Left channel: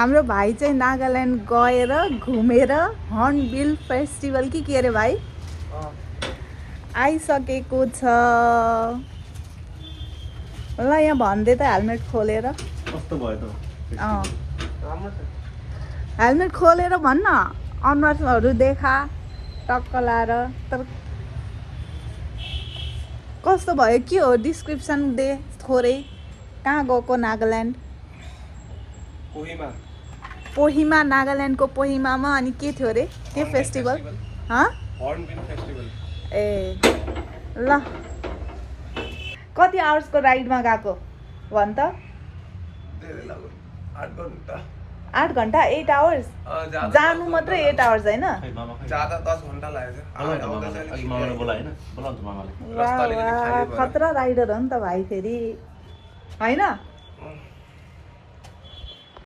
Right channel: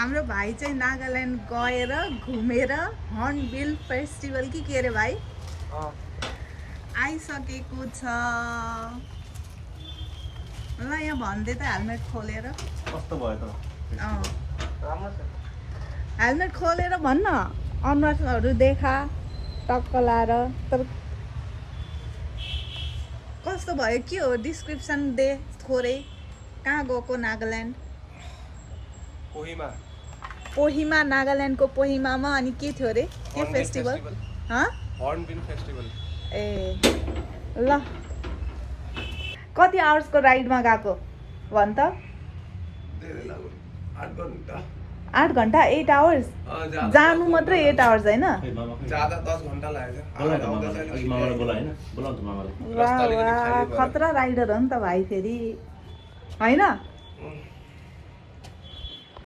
हाम्रो भाइ चाहिँ नागाल्यान्ड गएर घुमेर हर्नबिल फेस्टिभल कि के अरे भाइ आइसकेको छ। ल यहाँ भन्दै त हेलमेट खोलेर कस्तो भयो त हेलमेट खोलेर भन्न अनुहारहरू देखा टक्क लाएर। तर कस्तो भयो के हो डिस्क्रिप्सन दे थोरै। कहाँ गएको नागाल्यान्ड? कोहिमा नागाल्यान्डको कोहिमामा। अनि के थियो अरे के फेस्टिभल? Hornbill festival. ए ल कति आवर्सको राइडमा गएको भन् त? 8 घन्टा 8 आवर्स जानु मात्रै 8 आवर्स होइन? ज्यादा 10 घन्टा लाग्यो। खतरा राइडर हो नि त भाइ फेरि होइन?